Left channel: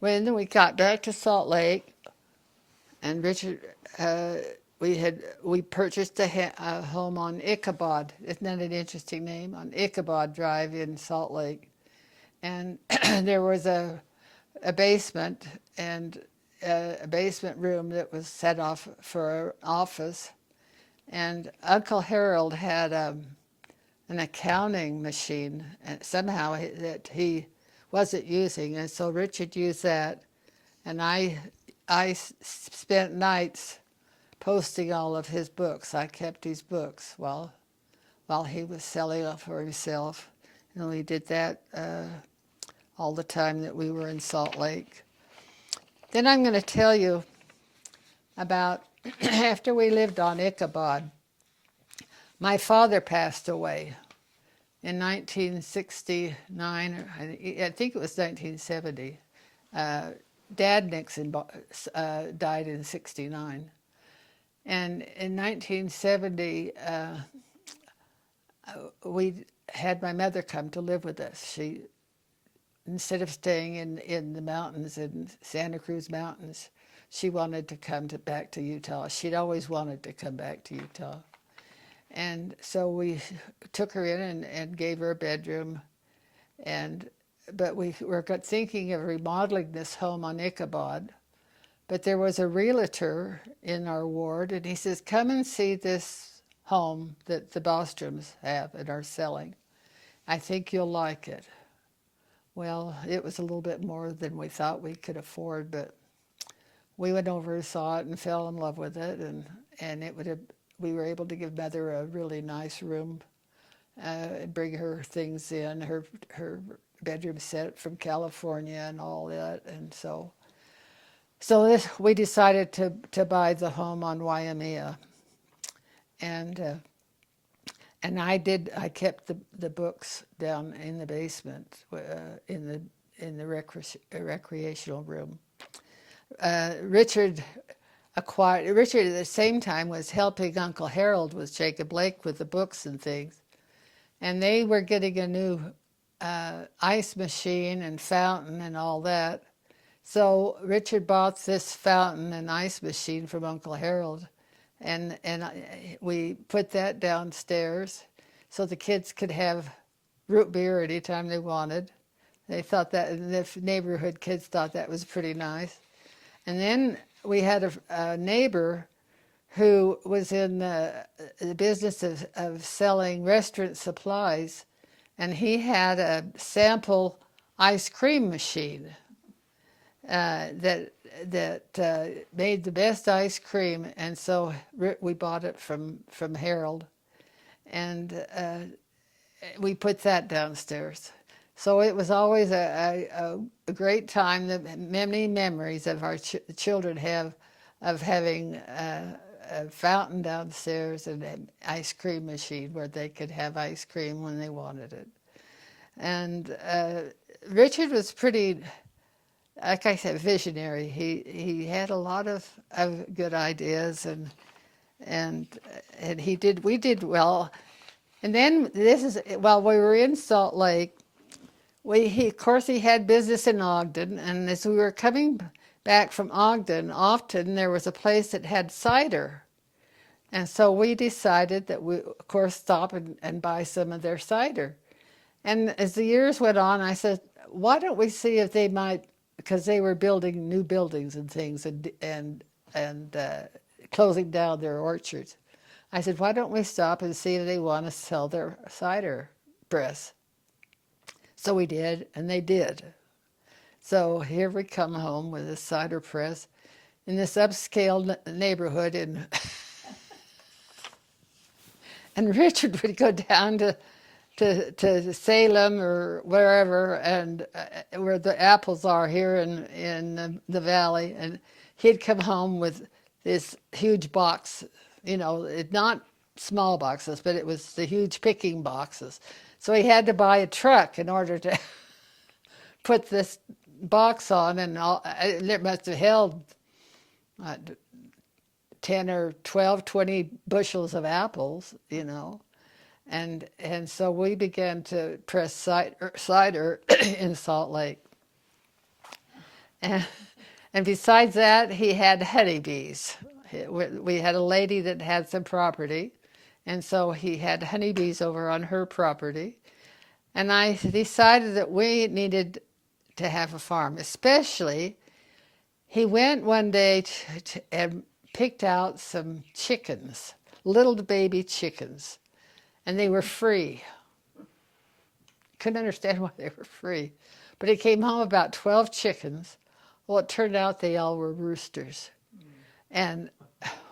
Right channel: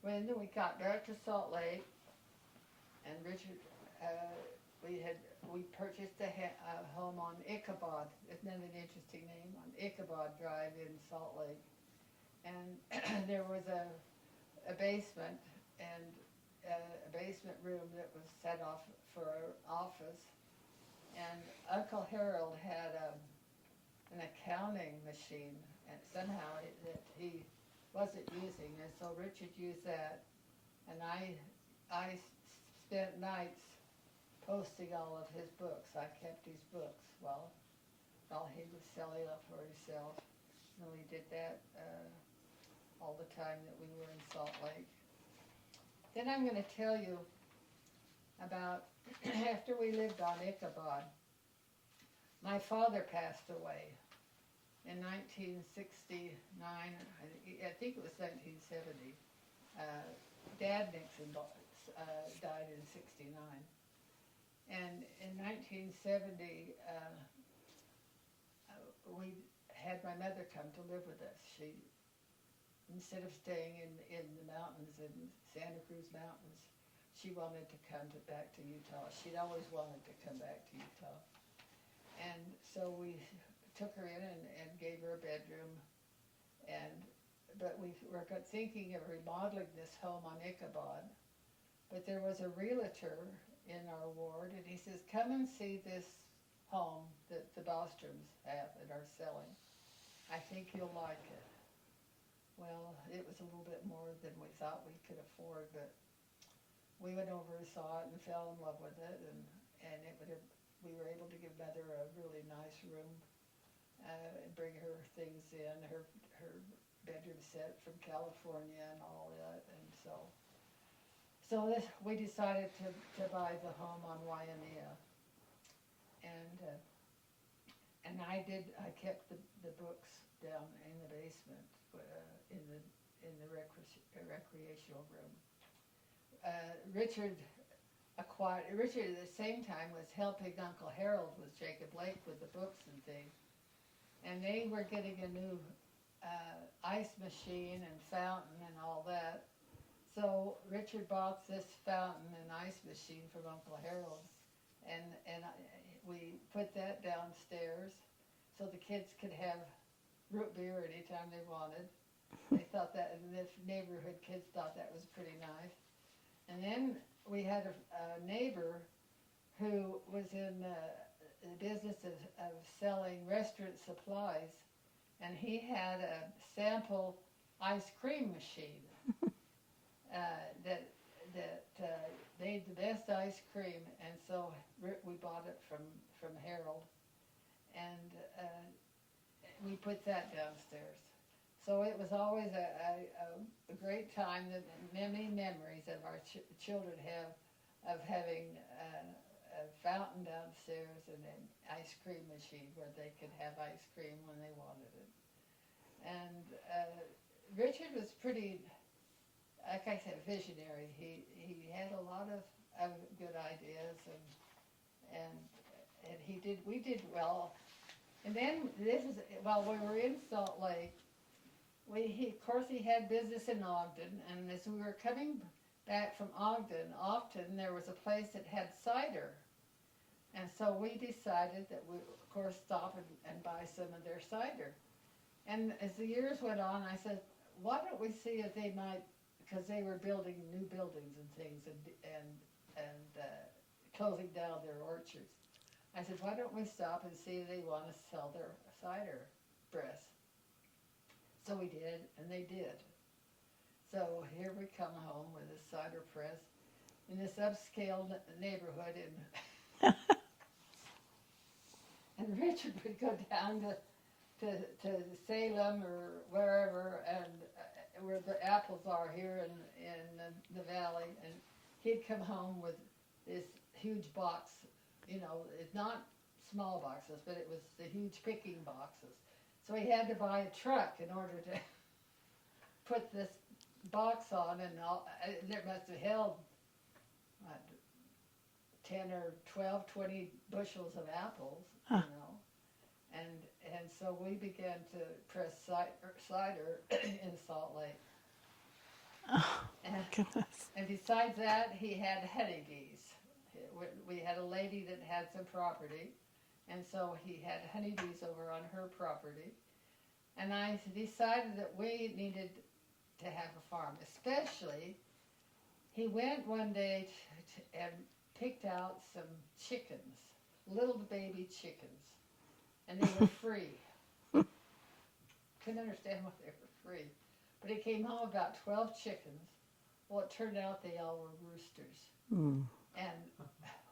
When we got back to Salt Lake, and Richard, we purchased a home on Ichabod. Isn't that an interesting name? On Ichabod Drive in Salt Lake, and there was a basement and a basement room that was set off for an office. And Uncle Harold had an accounting machine, and somehow that he wasn't using, and so Richard used that, and I spent nights posting all of his books. I kept his books while he was selling them for himself, and we did that all the time that we were in Salt Lake. Then I'm going to tell you about after we lived on Ichabod. My father passed away in 1969, or I think it was 1970. Dad Nixon died in 69. And in 1970, we had my mother come to live with us. She, instead of staying in the mountains, in Santa Cruz Mountains, she wanted to come back to Utah. She'd always wanted to come back to Utah. And so we took her in and gave her a bedroom. But we were thinking of remodeling this home on Ichabod. But there was a realtor in our ward, and he says, come and see this home that the Bostroms have and are selling. I think you'll like it. Well, it was a little bit more than we thought we could afford, but we went over and saw it and fell in love with it, and we were able to give Mother a really nice room, bring her things in, her bedroom set from California and all that, and so we decided to buy the home on Waimea, and I kept the books down in the basement, in the recreational room. Richard at the same time was helping Uncle Harold with Jacob Blake with the books and things, and they were getting a new ice machine and fountain and all that. So Richard bought this fountain and ice machine from Uncle Harold, and we put that downstairs so the kids could have root beer anytime they wanted. They thought that, and the neighborhood kids thought that was pretty nice. And then we had a neighbor who was in the business of selling restaurant supplies, and he had a sample ice cream machine that made the best ice cream, and so we bought it from Harold, and we put that downstairs. So it was always a great time. That many memories of our children have of having a fountain downstairs and an ice cream machine where they could have ice cream when they wanted it. And Richard was pretty, like I said, visionary. He had a lot of good ideas, and we did well. And then while we were in Salt Lake, of course he had business in Ogden, and as we were coming back from Ogden, often there was a place that had cider. And so we decided that we, of course, stop and buy some of their cider. And as the years went on, I said, why don't we see if they might, because they were building new buildings and things and closing down their orchards. I said, why don't we stop and see if they want to sell their cider press? So we did, and they did. So here we come home with a cider press in this upscale neighborhood, and Richard would go down to Salem or wherever, and where the apples are here in the valley, and he'd come home with this huge box, not small boxes, but it was the huge picking boxes. So he had to buy a truck in order to put this box on, and it must have held 10 or 12, 20 bushels of apples, And so we began to press cider in Salt Lake. And, and besides that, he had honeybees. We had a lady that had some property, and so he had honeybees over on her property. And I decided that we needed to have a farm, especially he went one day and picked out some chickens, little baby chickens, and they were free. Couldn't understand why they were free. But he came home about 12 chickens. Well, it turned out they all were roosters. Mm. And,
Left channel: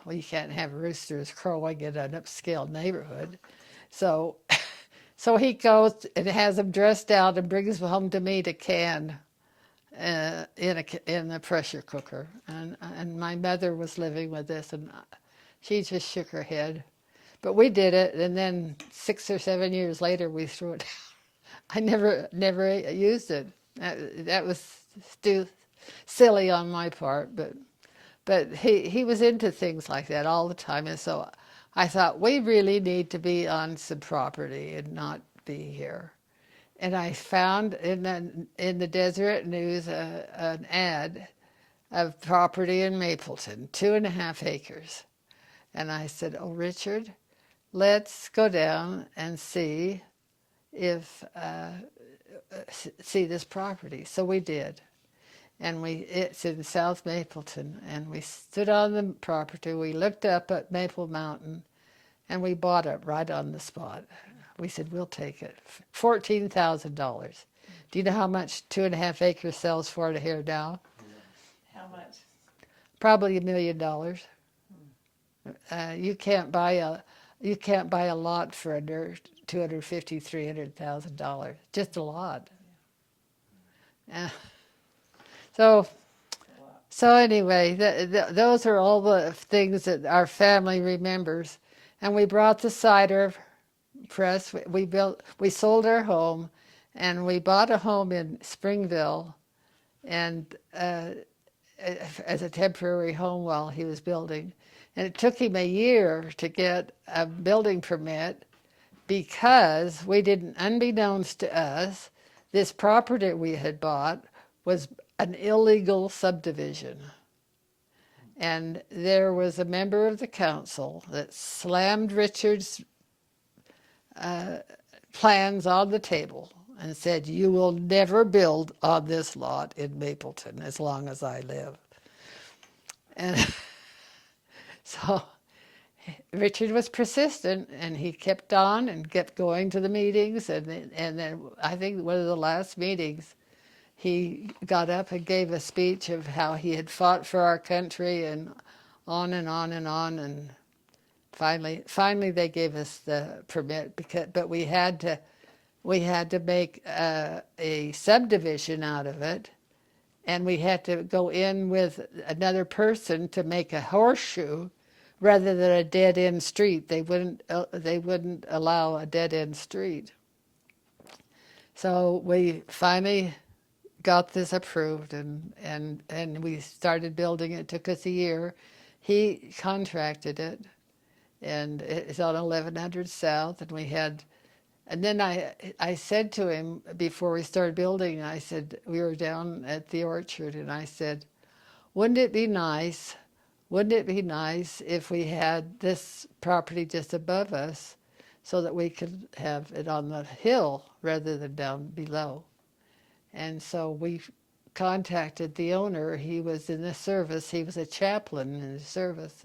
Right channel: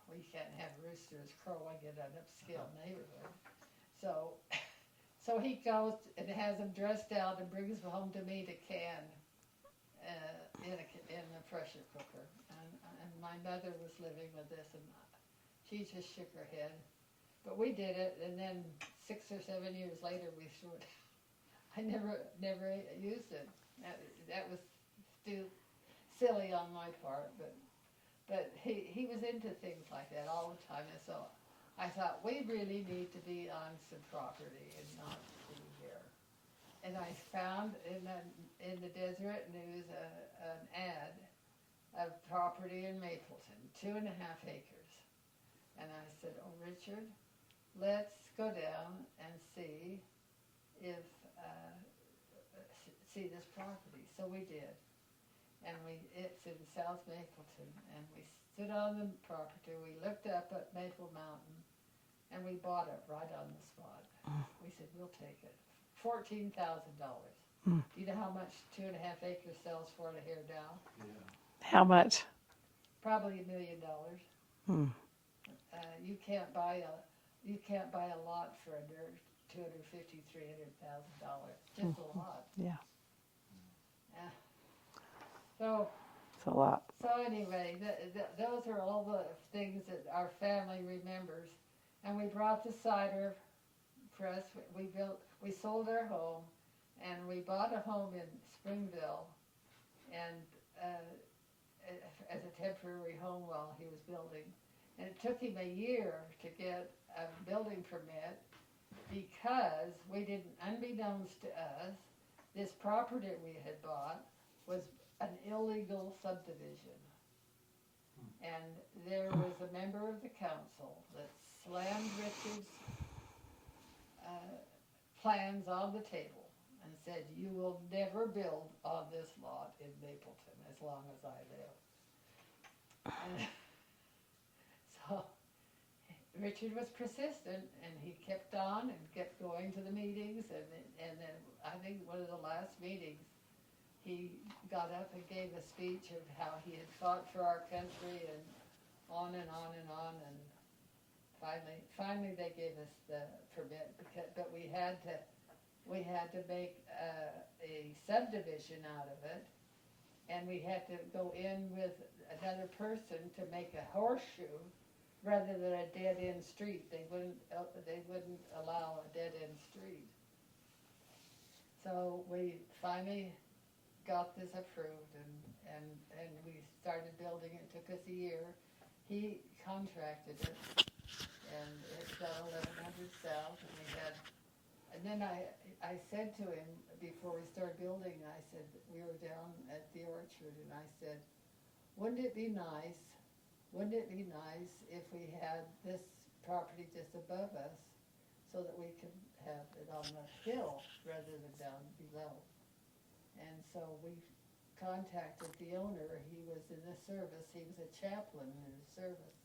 well, you can't have roosters crowing in an upscale neighborhood. So, so he goes and has them dressed out and brings them home to me to can in a pressure cooker. And my mother was living with this, and she just shook her head. But we did it, and then 6 or 7 years later, we threw it out. I never used it. That was silly on my part, but he was into things like that all the time, and so I thought we really need to be on some property and not be here. And I found in the Deseret News an ad of property in Mapleton, 2.5 acres. And I said, "Oh, Richard, let's go down and see if see this property." So we did, and it's in South Mapleton, and we stood on the property. We looked up at Maple Mountain, and we bought it right on the spot. We said, "We'll take it." $14,000. Do you know how much 2.5 acres sells for here now? How much? Probably $1 million. Hmm. You can't buy a lot for under $250,000, $300,000. Just a lot. Yeah, So it's a lot. So anyway, those are all the things that our family remembers. And we brought the cider press. We sold our home, and we bought a home in Springville, and as a temporary home while he was building. And it took him a year to get a building permit because we didn't, unbeknownst to us, this property we had bought was an illegal subdivision. And there was a member of the council that slammed Richard's plans on the table and said, "You will never build on this lot in Mapleton as long as I live." And so Richard was persistent, and he kept on and kept going to the meetings. And then I think one of the last meetings, he got up and gave a speech of how he had fought for our country and on and on and on. And finally they gave us the permit, but we had to make a subdivision out of it, and we had to go in with another person to make a horseshoe rather than a dead-end street. They wouldn't allow a dead-end street. So we finally got this approved, and we started building it. It took us a year. He contracted it, and it's on 1100 South, and then I said to him before we started building, I said, we were down at the orchard, and I said, wouldn't it be nice if we had this property just above us so that we could have it on the hill rather than down below? And so we contacted the owner. He was in the service. He was a chaplain in the service.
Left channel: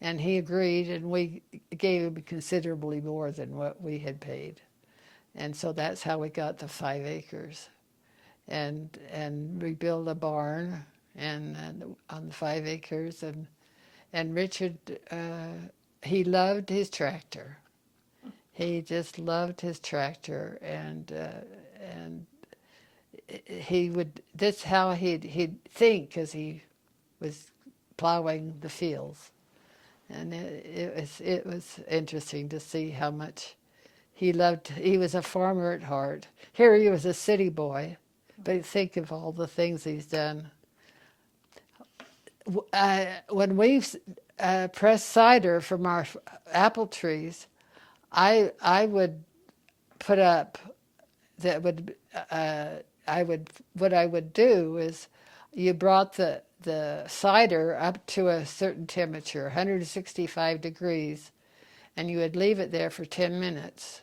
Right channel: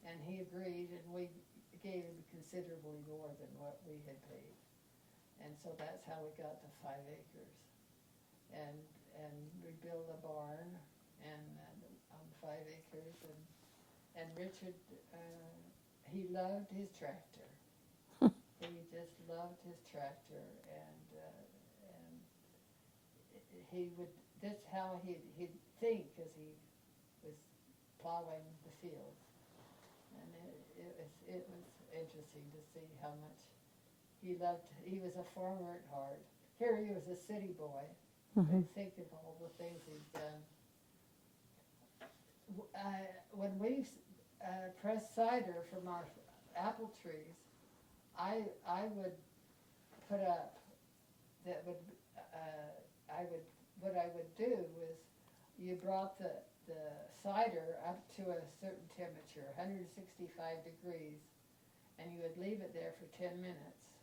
And he agreed, and we gave him considerably more than what we had paid. And so that's how we got the 5 acres. And we built a barn and on the 5 acres. And Richard, he loved his tractor. He just loved his tractor, and that's how he'd think as he was plowing the fields. And it was interesting to see how much he loved. He was a farmer at heart. Here he was a city boy, but think of all the things he's done. When we press cider from our apple trees, I would put up what I would do is you brought the cider up to a certain temperature, 165 degrees, and you would leave it there for 10 minutes.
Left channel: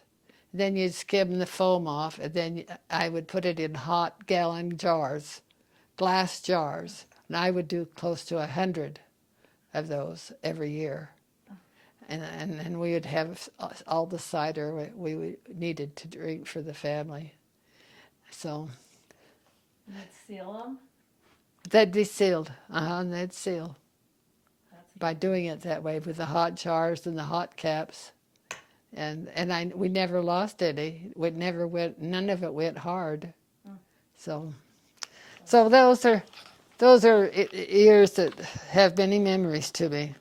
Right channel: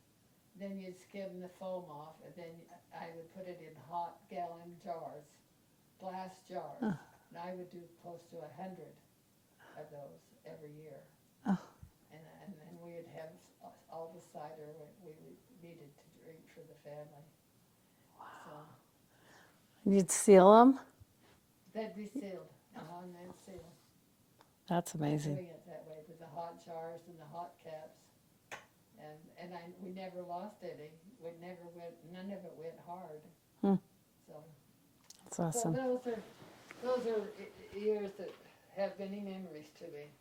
Then you'd skim the foam off, and then I would put it in hot gallon jars, glass jars, and I would do close to 100 of those every year. And we would have all the cider we needed to drink for the family. So You'd seal them? they'd be sealed. And they'd seal That's by amazing. doing it that way with the hot jars and the hot caps. And we never lost any. None of it went hard. So That's so awesome. those are years that have many memories to me.